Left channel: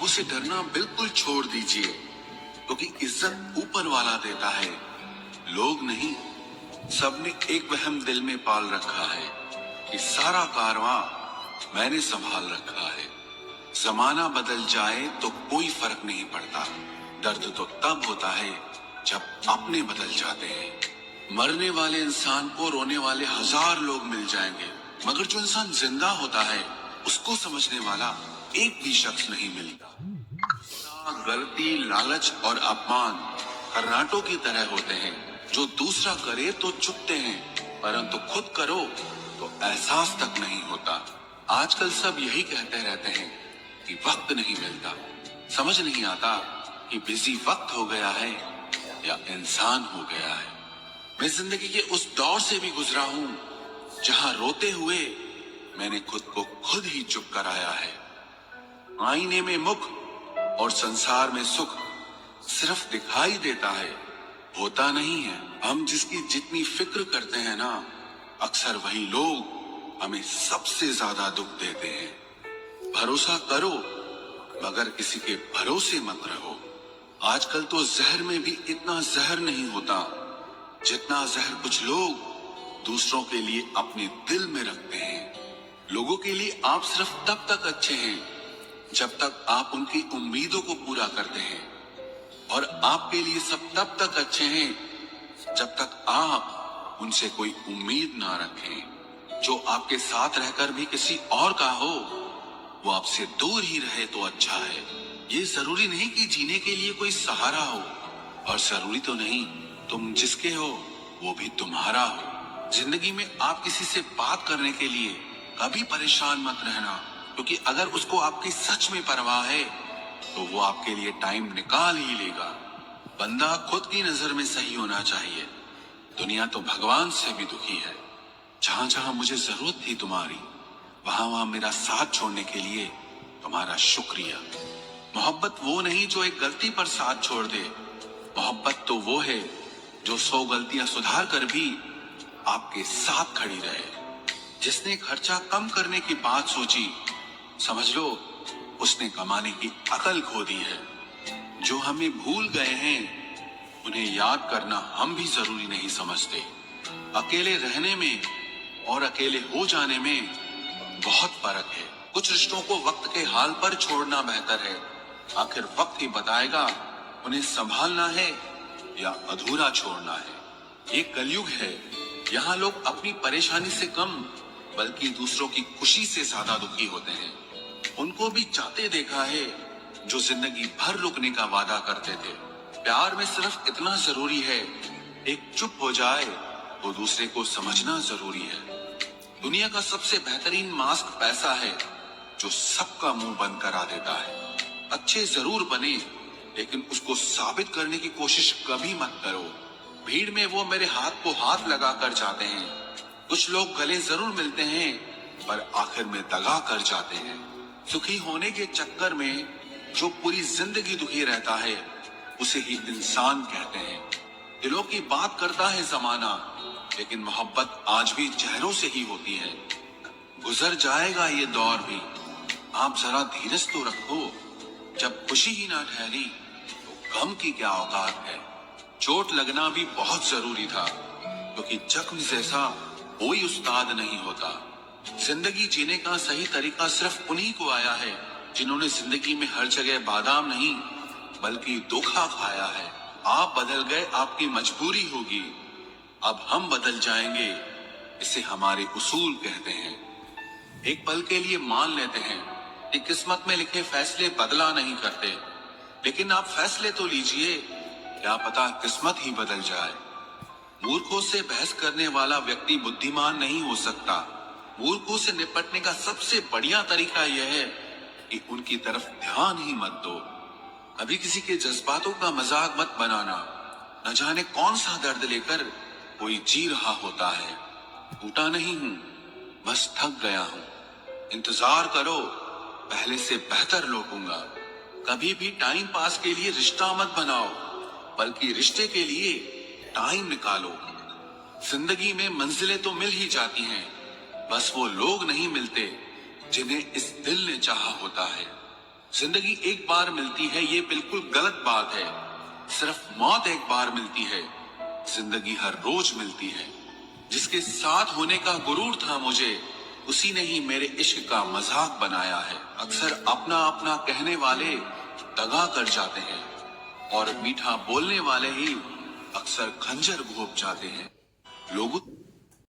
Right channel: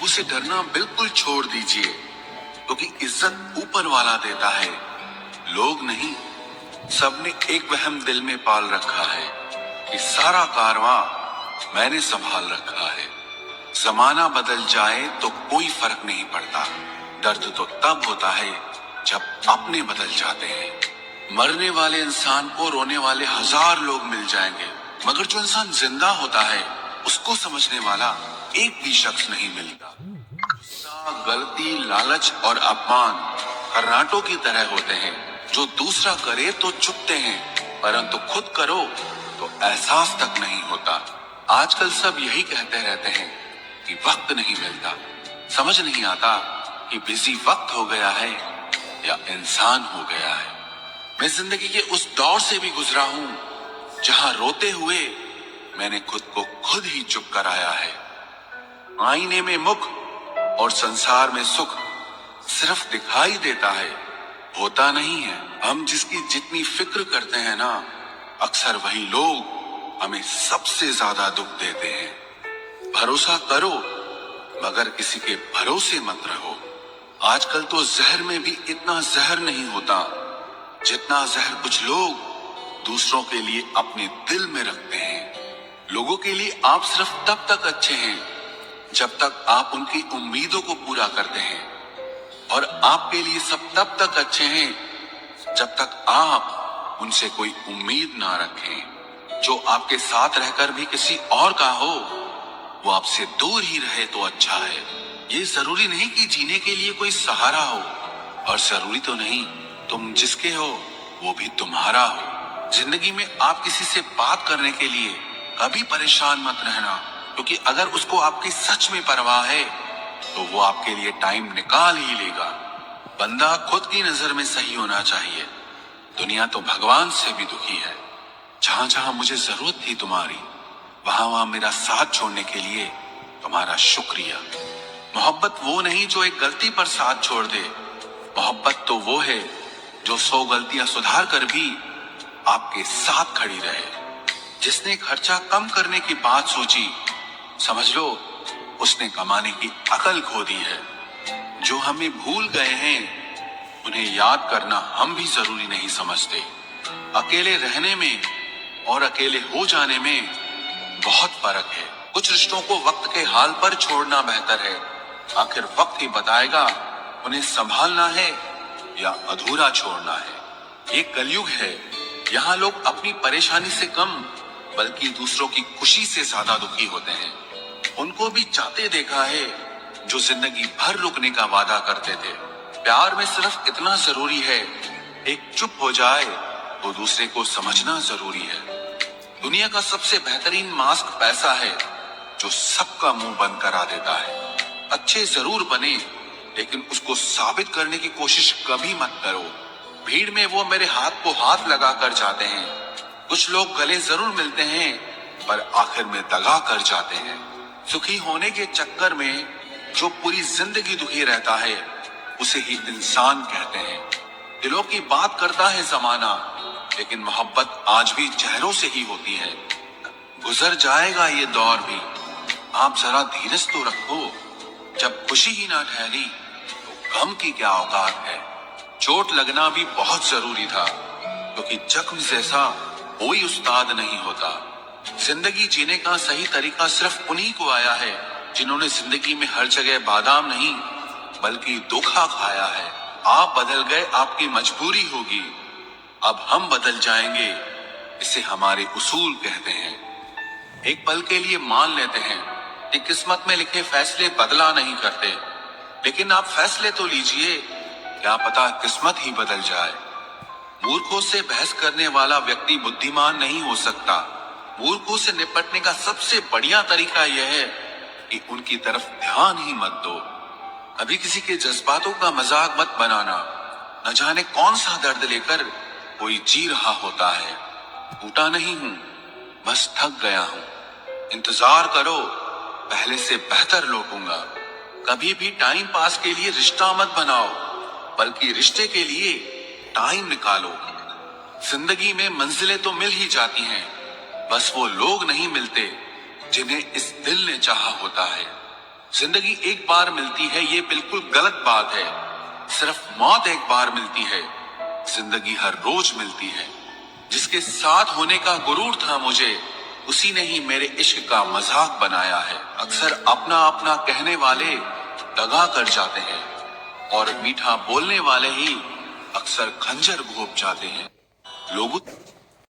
लोगों से डरना बिल्कुल छोड़ दीजिए, क्योंकि इज्जत ऊपर वाला देता है, लोग नहीं। सबने एक वहम दिल में पाल रखा है कि सारा कारवां मैंने संभाल रखा है। जमाना बदल जाए तो कोई फर्क नहीं पड़ता, दर्द तो तब होता है जब अपने बदल जाते हैं। मरने वाले इंसान को रोने वाले 1000 लोग मिल जाएंगे, मगर जो इंसान जिंदा होता है उसको समझने वाला एक भी शख्स नहीं मिलता। गलती, लालच और अपमान खर्राटों की तरह होते हैं, जो दूसरा करे तो चुपते हैं, परंतु खुद करो तो एहसास तक नहीं होता। आजकल सब यही कहते रहते हैं कि वक्त नहीं मिलता। समझ नहीं आता कि बिजी वक्त हो गया है या इंसान हो गया है। मैं जिंदगी के उस दौर से भी गुजरा हूं जहां रोते हुए मैंने खुद को खुद ही चुप कराया है। आईने में मुख और संसार में सुख सिर्फ दिखाई देता है, होता नहीं है। हम जिसकी जितनी फिक्र करते हैं ना, अक्सर वही लोग हमें सबसे ज्यादा दुख देते हैं। भरोसा करो मगर किसी के भरोसे मत रहो। आजकल तो जहर में भी इतना जहर नहीं होता जितना जहर कुछ लोग दूसरों के लिए अपने दिल में रखते हैं। लोगों के लिए आप सिर्फ तब तक अच्छे हैं जब तक आप उनकी उम्मीदों को पूरा करते हैं, और आपके लिए सब तब तक अच्छे हैं जब तक आप उनसे कोई उम्मीद ना रखें। जो आपके साथ रहकर भी किसी और का हो, वो आपसे दूर ही रहे तो अच्छा है। ये जरूरी नहीं कि जीने के लिए कोई सहारा हो, और जरूरी तो नहीं तुम जिसके हो वो भी तुम्हारा हो। जिंदगी में आप किसी से बात करने के लिए कभी परेशान मत रहना, क्योंकि अगर उसको आपकी सच में परवाह है तो वो आपके लिए टाइम निकाल ही लेगा। बंदा खुद की नजर में सही होना चाहिए, दुनिया तो भगवान से भी दुखी है। जहां जहां मुझे जरूरत थी तुम्हारी, वहां वहां मेरा साथ छोड़ने के लिए तुम्हारा शुक्रिया। मोहब्बत वो नहीं जो एक गलती पर साथ छोड़ दे, मोहब्बत तो वो है जो 100 गलतियां सुधार कर भी आपके साथ खड़ी रहे। जिसने खर्चा कम करने की बात सोची, समझ लो उसने कमाने की अकल खो दी है। जो हमें भूल गए हैं उन्हें याद करना हम भी जरूरी नहीं समझते। अकेले रहने में और अकेले हो जाने में बहुत फर्क है। कुछ रिश्तों को वक्त के हाल पर छोड़ना बेहतर है। आखिर वक्त ही बताएगा उन्हें संभालना है या अधूरा छोड़ना है। ये कलयुग है, यहाँ लोग अपनी परेशानी से कम बल्कि दूसरों की खुशी से ज्यादा दुखी होते हैं। उनको भी चाहते देखा है जो जिंदगी भर रुकने का वादा करते थे। प्यार में सिर्फ इतना जरूरी है, एक चुप हो जाए तो दूसरे को समझना जरूरी है। दुनिया का सबसे बेहतरीन मास्क पैसा है, जो सबका मुंह बंद करा देता है। अच्छे जरूर बने, लेकिन उसको साबित करने की कोशिश कभी मत करो। भीड़ में वो मेरे हाथ को हाथ लगा कर जाते हैं। कुछ लोग गले जरूर मिलते हैं, पर आखिर में दगा कर जाते हैं। सुखी होने के चक्कर में जो पूरी जिंदगी दुखी रहता है, उसे ही इंसान कहते हैं। दिलों की बात करता है जमाना, लेकिन मोहब्बत आज भी चेहरों से ही होती है। गुजर जाएगा ये दौर भी, आप जरा धीरज तो रखो। जब खुशी ही ना ठहरी तो गम की क्या औकात है। चोट लगना भी बहुत जरूरी था, क्योंकि जख्म जैसा कोई उस्ताद नहीं होता। जिंदगी जीने का सही तरीका सिर्फ उन्हीं को आया है जिन्होंने जिंदगी में हर जगह बादाम नहीं बल्कि धोखा खाया है। आप बदल गए, आपकी मजबूरी होगी, अब हम बदल जाएंगे, इसे हमारे उसूल कहते हैं। एक पल के लिए मान लेते हैं कि किस्मत में लिखे फैसले बदला नहीं करते, लेकिन आप फैसले तो लीजिए, क्या पता किस्मत ही बदल जाए। मूर्खों से बहस करने वाला व्यक्ति बुद्धिमान नहीं हो सकता। मूर्खों से निपटने का सबसे बढ़िया तरीका यह है कि उनकी तरफ ध्यान ही मत दो। कभी किसी के जज्बातों का मजाक मत बनाना। न जाने कौन सा दर्द लेकर कोई जी रहा होता है। टूटा नहीं हूं, बस थक गया हूं। इंतजार करो, पहले से बेहतर लौटूंगा। कभी भी टाइम पास के लिए रिश्ता मत बनाओ, बल्कि रिश्ते के लिए टाइम निकालो। जिंदगी में मंजिलें तो मिल ही जाती हैं, बस वो लोग नहीं मिलते जिन्हें इस दिल ने चाहा होता है। जिंदगी एक बार मिलती है ये बिल्कुल गलत बात है। सिर्फ मौत एक बार मिलती है, जिंदगी हर रोज मिलती है। जिसके साथ होने का गुरूर था मुझे, उसी ने ही मेरे इश्क का मजाक बनाया है। अक्सर अपना अपना कहने वाले दगा कर जाते हैं, और मीठा बोलने वाले ही अक्सर खंजर घोंप जाते हैं। लोगों